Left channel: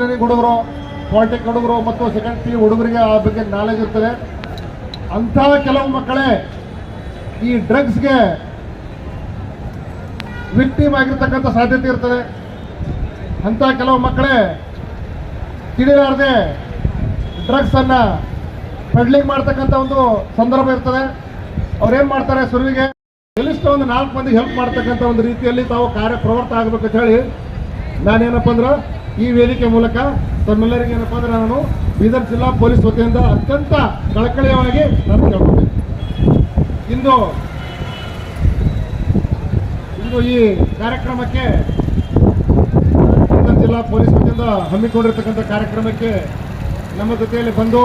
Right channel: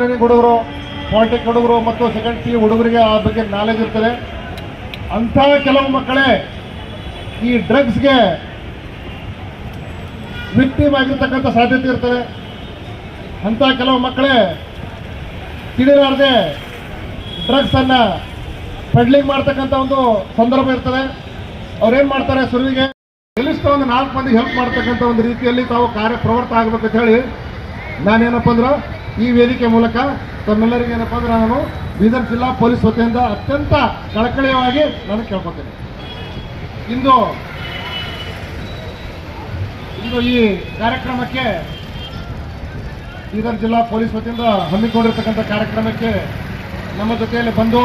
Engineering ಹುಡುಗರು polytech ಹುಡುಗರು ಮತ್ತು ಸೆಕೆಂಡ್ ಪಿ ಹುಡುಗರಿಗೆ ಆ ಬಗ್ಗೆ ನಾಲೆಜ್ ಇರ್ತದೆ. ಅಂಥ ಕೆಲವು ಮಕ್ಕಳೇ ಈ ಡ್ರಗ್ಸ್ಗೆ ವಿಕ್ಟಿಮ್ ಆಗಿರ್ತಕ್ಕಂಥ ಸಾಧ್ಯತೆ ಇರ್ತದೆ. ಅಂಥ ಕೆಲವು ಮಕ್ಕಳೇ ತಿಳಿಲಾರದೆ ಡ್ರಗ್ಸ್ ಅನ್ನ ಪೆಡ್ಲಿಂಗ್ ಮಾಡ್ತಕ್ಕಂಥ ಒಂದು ಸಂದರ್ಭ ಇರ್ತದೆ. ಅವ್ರೇನ್ ಮಾಡ್ತಾರೆ ಸುರುವಿಗೆ ಕನಿಷ್ಠ ಒಂದು ನಾಲ್ಕು ಮಂದಿ ಹೆಲ್ಪ್ ಮಾಡ್ತಕ್ಕಂಥ ಒಂದು ರೀತಿಯಲ್ಲಿ ತಾವು ಕಾರ್ಯ ಆಗಬೇಕಂತ ಆಗ್ಬೇಕಂತ ಹೇಳಿ ನಾನೇನಪ್ಪ ಅಂದ್ರೆ ಈ ವೇದಿಕೆ ಮೂಲಕ ತಮ್ಮೆಲ್ಲರಿಗೆ ಏನಪ್ಪ ಅಂದ್ರೆ ನಾನು ಬೀದರ್ ಜಿಲ್ಲಾ ಪೊಲೀಸ್ ವತಿಯಿಂದ ಅತ್ಯಂತ ಕಳಕಳಿಯವಾಗಿ ನಾನು ಕೇಳ್ಕೊತೀನಿ. ಇಂದು ಇಂದು ಈ ಕಾರ್ಯಕ್ರಮಕ್ಕೆ ಬೀದರ್ ಜಿಲ್ಲಾ ಪೊಲೀಸ್ ವತಿಯಿಂದ ಹಮ್ಮಿಕೊಂಡಿರ್ತಕ್ಕಂಥ ಕಾರ್ಯಕ್ರಮಕ್ಕೆ ನಮ್ಮ ಜೊತೆಯಲ್ಲಿ ಬಂದು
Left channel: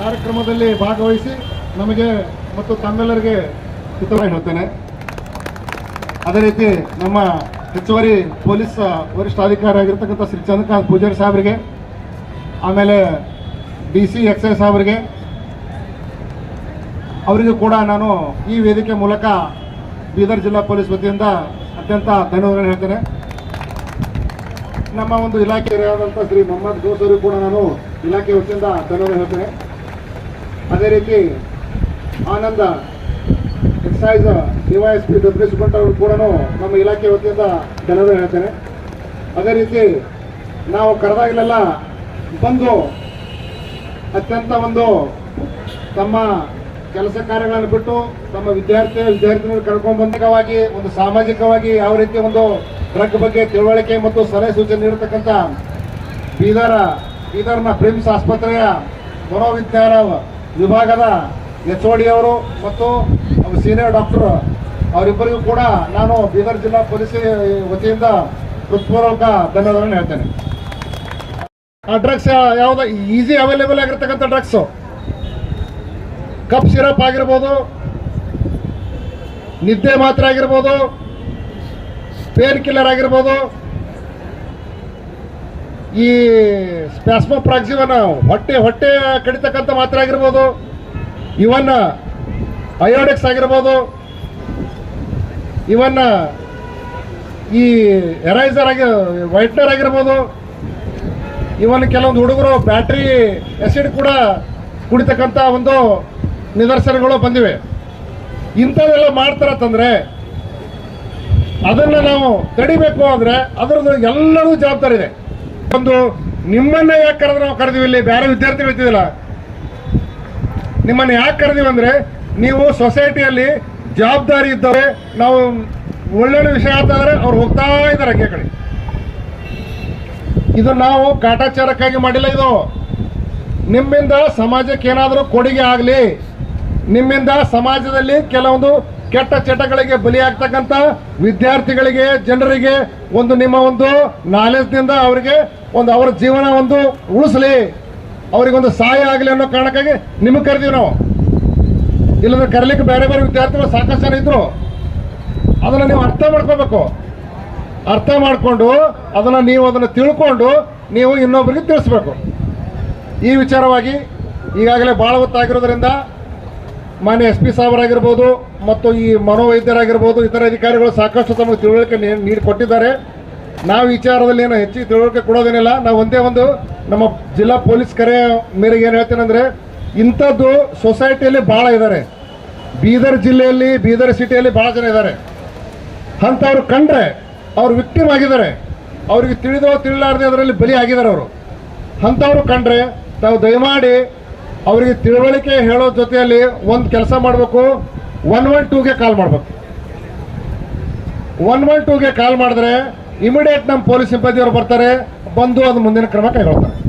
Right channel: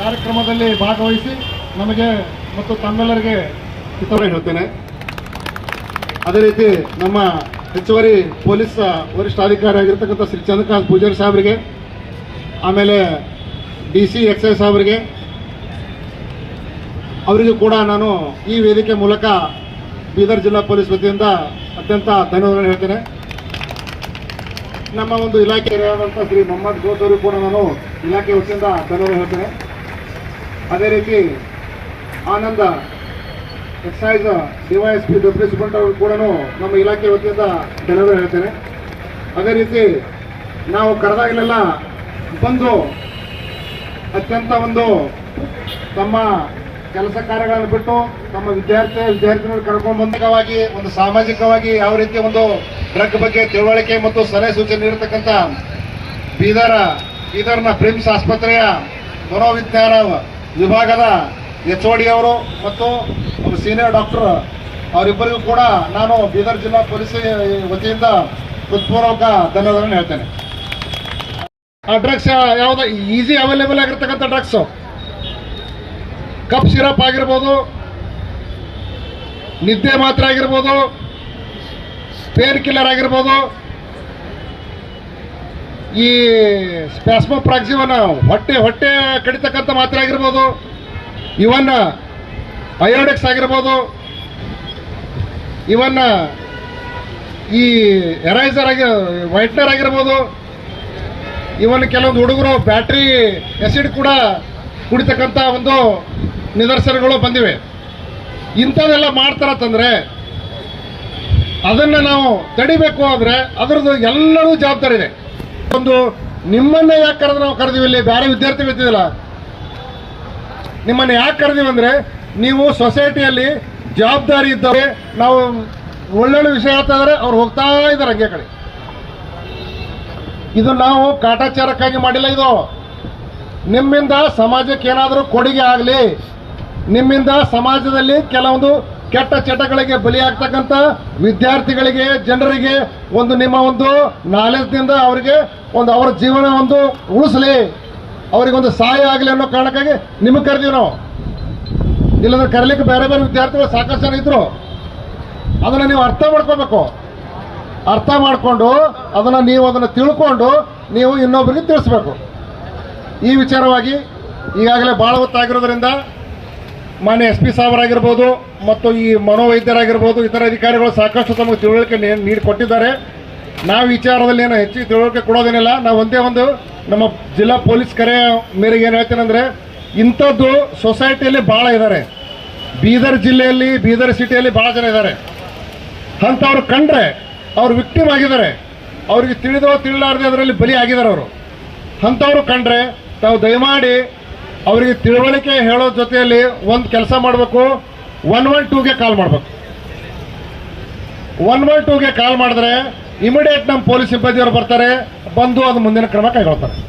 ಕಾರ್ಯಕ್ರಮದಲ್ಲಿ ಭಾಗವಹಿಸಿ ನಮಗೆ ಮತ್ತು ತಮ್ಮೆಲ್ಲರಿಗೆ ಹಿತವಾಗಿ ಹೇಳ್ತೇನೆ. ಅದೇ ರೀತಿ ನಮ್ಮ ಹೆಚ್ಚುವರಿ ಪೊಲೀಸ್ ವರಿಷ್ಠಾಧಿಕಾರಿ ಆಗಿರ್ತಕ್ಕಂಥ ಶ್ರೀ ಚಂದ್ರಕಾಂತ್ ಪೂಜಾರಿ ಸಾಹೇಬರಿಗೆ, ಆಮೇಲೆ ಡಿ ಸಿ ಎಕ್ಸೈಸ್ ಅವರಿಗೆ ಅವರಿಗೂ ಕೂಡ ನಾನು ಈ ವೇದಿಕೆ ಮೂಲಕ ಬೀದರ್ ಜಿಲ್ಲಾ ಪೊಲೀಸ್ ವತಿಯಿಂದ ಅತ್ಯಂತ ಧನ್ಯವಾದ ಹೇಳ್ತೇನೆ. ನಮ್ಮ ಒಂದು ಇಲಾಖೆಯಾದಂಥ ಶ್ರೀ ಮೊಹಮ್ಮದ್ ಗೋಸ್ ಅವರಿಗೂ ಕೂಡ ನಾನು ಇಲಾಖೆ ವತಿಯಿಂದ ಧನ್ಯವಾದ ಹೇಳ್ತೇನೆ. ಅದೇ ರೀತಿ Ananda excise DYS P deputy superintendent ಅವರು ಕೂಡ ನಮ್ಮ ಇಲಾಖೆ ವತಿಯಿಂದ ಜನರು ಹೇಳ್ತೇನೆ. ಅದೇ ರೀತಿ ನಾವು ಕರೆದಾಗಲೆಲ್ಲ ಬಂದು ಅತ್ಯಂತ ಒಂದು ತಮ್ಮ ಕೆಲಸ ಕಾರ್ಯಗಳನ್ನು ಬಿಟ್ಟು ತಮ್ಮ ವಿದ್ಯಾರ್ಥಿ ವಿದ್ಯಾರ್ಥಿಗಳು ಕರ್ಕೊಂಡು ಬಂದವಾಗಿ ಒಂದು ಸಾಮಾಜಿಕವಾಗಿ ಯಾವ ರೀತಿ ಒಂದು ಡ್ರಗ್ ಬಗ್ಗೆ ತಿಳುವಳಿಕೆ ಮತ್ತು ಸಲಹೆ ಸೂಚನೆ ನೀಡತಕ್ಕಂಥ ಬೀದರ, ಬೀದರ್ನ ಪ್ರಿಮ್ಸ್ ಆಸ್ಪತ್ರೆಯ ಮನೋವಿಜ್ಞಾನ ವಿಭಾಗದ ಎಚ್ ಅವರು ಮತ್ತು ಸೀನಿಯರ್ ಡಾಕ್ಟರ್ ಅವರಿಬ್ಬರಿಗೂ ಕೂಡ ನಾನು ಬೀದರ್ ಜಿಲ್ಲಾ ಪೊಲೀಸ್ ವತಿಯಿಂದ ಹೃತ್ಪೂರ್ವಕ ಧನ್ಯವಾದಗಳನ್ನು ಹೇಳ್ತೇನೆ. ಆ ಡ್ರಗ್ಸ್ ಯಾವುದು ಈಸಿ ಅವೈಲೇಬಲ್ ಆಗಿರ್ತಕ್ಕಂಥ ಡ್ರಗ್ಸು ಕಪ್ ಸಿರಪ್ ಆಗಿರ್ಬೋದು, ನಿದ್ದೆ ಮಾತ್ರ ಆಗಿರ್ಬೋದು ಪೇನ್ ಕಿಲ್ಲರ್ ಆಗಿರ್ಬೋದು. ಈ ಸ್ಪ್ಯಾಸ್ಮೋಪ್ರಾಕ್ಸಿವನ್ ಹೊಟ್ಟೆ ಹೊಟ್ಟೆ ಕಡಿತಕ್ಕಂಥ ಮಾತ್ರೆ ಆಗಿರ್ಬೋದು. ಇವನ್ನ ಅಯೋಡೆಕ್ಸ್ ಆಗಿರ್ಬೋದು. ಇವನ್ನ ಈ ಎರೈಸರ್ ಆಗಿ ವೈಟ್ನರ್ ಆಗಿರ್ಬೋದು. ಇವನ್ ಕೆಲವೊಂದು ಹುಡುಗರು ಬ್ಯಾಟ್ರಿ ಎಸಿಡ್ ಕೂಡ ಕುಡಿತಕ್ಕಂಥ ಒಂದು ನಿದರ್ಶನಗಳು ಬಂದಿವೆ. ಇಂಥದ್ದೆಲ್ಲ ಮಾಡ್ತಾರತ್ತಂದರೆ ಅದನ್ನ ನಾವು ತಡಿಬೇಕು ಅಂದ್ರೆ ಅದರದ್ದು ಎಲ್ಲರೂ ಜವಾಬ್ದಾರಿ ಇದೆ. ಒಂದು ನಿಮ್ಮನ್ನ ಯಾಕೆ ಕರೆದ್ರೆ ನಾವು ಕರೆದಿವಿ ಇಲ್ಲಿ? ಬೇರೆ ವಿದ್ಯಾರ್ಥಿಗಳು ಇರ್ತಿದಿಲ್ಲ ನಿಮ್ಮನ್ನ ಯಾಕೆ ಕರೆದಿವಿ ಅಂದ್ರೆ ನೀವು ಸೊಸೈಟಿಯಲ್ಲಿ ಜವಾಬ್ದಾರಿ ಇದ್ದವ್ರೆ, ನಾವು ಒಳ್ಳೊಳ್ಳೆ ವಿಷಯ ಹೇಳ್ತಾ ಅವ್ರು ಹೋಗ್ತಾ ಇದ್ದಾರೆ ಹಂಗೆ ಕಡೆ. ಇದು ನಾವು ಕಾಟಾಚಾರಕ್ಕಾಗಿ ಮಾಡಿಲ್ಲ ಇದು. ನಿಮ್ಮಿಂದ ಸಮಾಜಕ್ಕೆ ಏನಾದರೂ ಕೊಡುಗೆ ಆಗಲಿ, ನಿಮ್ಮಿಂದ ಸಮಾಜದಲ್ಲಿ ಕೆಲವೊಂದು ಕೆಟ್ಟ ಚಟಗಳಿಗೆ ಬಲಿಯಾಗ್ತಕ್ಕಂಥ ವಿದ್ಯಾರ್ಥಿಗಳಿಗೆ, ಜನರಿಗೆ ಒಂದು ನಿಮ್ಮ ಒಂದು ನಾಲೆಜ್ನಿಂದ ಅವರಿಗೆ ಒಂದು ಅವರ ಜೀವನ ಒಂದು ಉಳಿಸಲಿ, ಅವರಿಗೊಂದು ಸಹಾಯ ಆಗಲಿ ಅನ್ನೋ ಕಾರಣಕ್ಕಾಗಿ ನಿಮಗೆ ಕರೆದೀವಿ ನಾವು. ಇಲ್ಲಂದ್ರೆ ಕರೀಲಿಕ್ಕೆ ಬೇರೆ ಬೇರೆ ವಿದ್ಯಾರ್ಥಿಗಳು ಸಾಕಷ್ಟು ಜನ ಇದ್ರು. ಅದನ್ನು ನೀವು ಅರ್ಥ ಮಾಡ್ಕೋಬೇಕು. ಅರ್ಥ ಮಾಡಿಕೊಂಡು ಅದನ್ನು ನೀವು ಅದನ್ನು ತಿಳ್ಕೊಂಡು ನೀವು ಇನ್ನೊಬ್ಬರಿಗೆ ತಿಳಿಸ್ಬೇಕು. ಈ ವಿಚಾರವಾಗಿ ಈಗಾಗಲೇ ಭಾಳ ಹೊತ್ತಾಗಿರೋದ್ರಿಂದ ಮಾನ್ಯ ಎಸ್ ಪಿ ಸಾಹೇಬರಾಗಿರ್ಬೋದು ಮತ್ತು ಈ ಮನೋವೈದ್ಯರಾಗಿರ್ಬೋದು ಇತರ ಅಧಿಕಾರಿಗಳು ಸಾಕಷ್ಟು ತಮಗೆ ತಿಳುವಳಿಕೆ ನೀಡಿಕೊಟ್ಟಿದ್ದಾರೆ. ನಾವು ವಿಚಾರದಲ್ಲಿ ಏನು ಹೆಚ್ಚು ತಿಳುವಳಿಕೆ ಕೊಡೋದೇನಿಲ್ಲ. ನಾವು ಒಂದೇ ಒಂದು ನಮ್ಮ ಜಿಲ್ಲಾ ಪೊಲೀಸ್ ಕರೆ ಮೇರೆಗೆ ಏನು ಹೇಳ್ತೇನೆಂದ್ರೆ ಇಂಥದ್ದು ಸೊಸೈಟಿಯಲ್ಲಿ ಭಾಳ ಇದ್ದಾರೆ ಬೀದರ್ ಜಿಲ್ಲೆಯಲ್ಲಿ, ಬೀದರ್ ಸಿಟಿಯಲ್ಲಿ ಭಾಳ ಜನ ಇದ್ದಾರೆ. ಅಂಥವ್ರು ಕಂಡ್ರೆ ಅವ್ರು ವಿಕ್ಟಿಮ್ ಆಗಿದ್ದಾರೆ. ಅವ್ರಿಗೆ ತಿಳಿದೋ ತಿಳಿಲಾರ್ದೆ ಅದರಲ್ಲಿ ಬಲಿ ಆಗಿದ್ದಾರೆ ಅವರು. ಅಂಥವ್ರು ಕಂಡ್ರೆ ತಾವು ದಯಮಾಡಿ ಅವರಿಗೆ ತಿಳುವಳಿಕೆ ಹೇಳೋ ಜೊತೆಯಲ್ಲಿ ಒಂದು ಕೆಲಸ ಮಾಡಬೇಕು. ಒನ್ ಒನ್ ಟೂಗೆ ಕಾಲ್ ಮಾಡಬೇಕು. ಒನ್ ಒನ್ ಟೂಗೆ ಕಾಲ್ ಮಾಡಿದ್ರೆ ಇಮಿಡಿಯೇಟ್ ನಮ್ಮ ಪೊಲೀಸ್ ಸಿಬ್ಬಂದಿಯವರು ಬರ್ತಾರೆ. ಬಂದು ಅದು ಮುಂದಿನ ಕ್ರಮ ಕೈಗೊಳ್ತಾರೆ.